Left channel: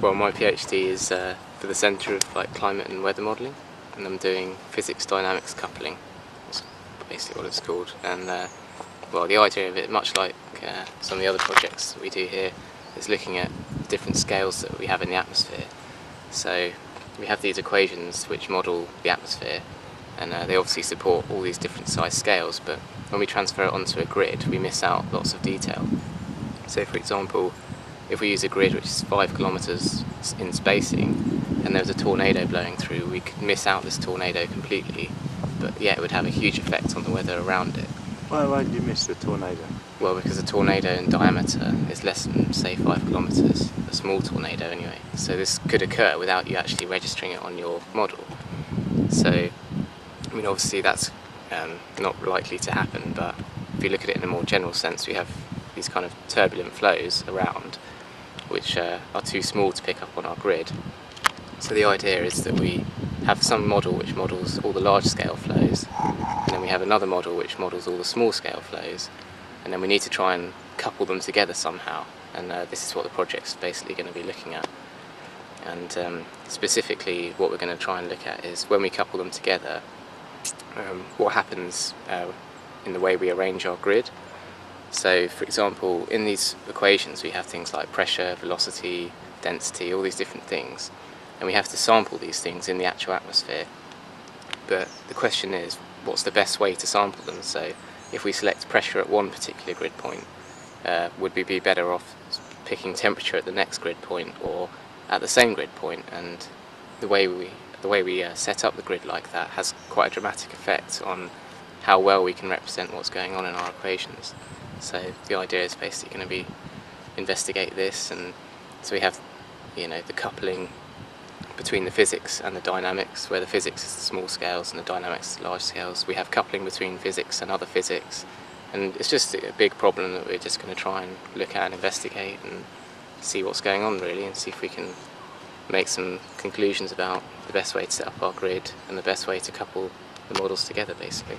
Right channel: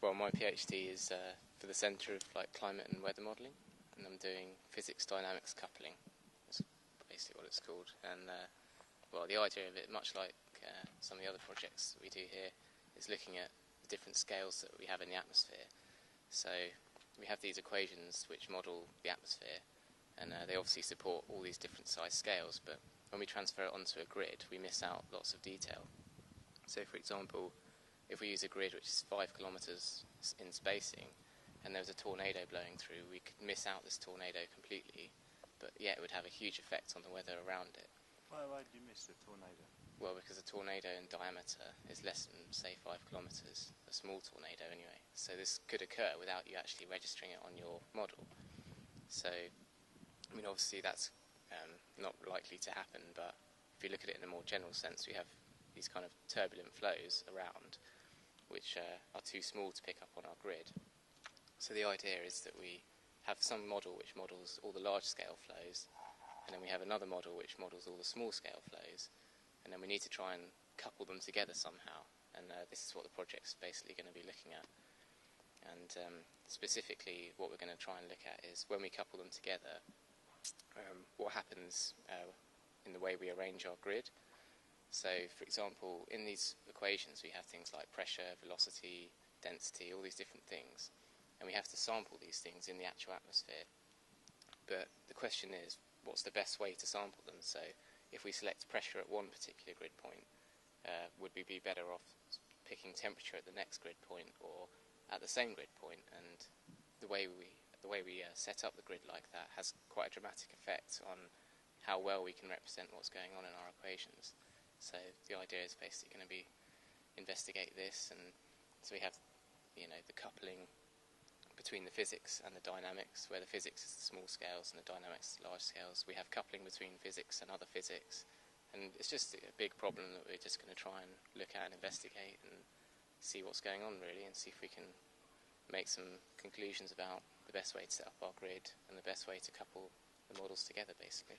Well, my PhD is for the Centre of Climate and Weather Modelling, and I'm doing physics dynamics coupling. That's basically what it's called. And well, the idea of it, much like some of the other projects that we do here, is looking at different scales that we have in the atmosphere. So we have these equations which model the atmosphere, and they obviously support all these different size scales, but when we transfer it onto a grid we miss out lots of detail. So for example, if we use a grid which is 5 kilometers in spacing and there was a tornado blowing through, we could miss out this tornado completely, but yeah, it would have a huge effect on the weather around it. Why did you miss the tornado? Well, because a tornado in diameter is less than, say, 5 kilometers, a small tornado anyway. So this could occur without you actually registering it on your model. So, I mean, obviously that's not likely to happen, but if you look at it in a more general sense, we have these kind of turbulent flows around which are too small to pick up on our grid. So the idea is that we have some model which models all the large scale flows, and then we have another model which models all the small scale flows, and then we need to try and couple them together somehow, and this is what the project's basically going to be looking at. And specifically what we're going to try and look at is when we couple them together, what happens in the way we arrange our grid. So for example, in these equations we have things like pressure, velocity, density, all these different things, and we have to sample these things in the actual atmosphere. But the question is, what's the best way to sample them? So if we select pressure at one particular grid point, would we be better off picking temperature at the next grid point or at the same grid point? And the way we set up the grid like that has quite a dramatic effect on how well we can represent what's going on in our equations. So the idea is basically going to be investigate this, and so we have, you know, the coupling between the physics and the dynamics, where the physics is the small scales and the dynamics is the large scales. We have coupling between physics and other physics, and it's just a big problem that we're just going to try and look at and investigate and see what's going on really, and see if we can make some conclusions about the best way to set up our grid and the best way to couple the models together basically.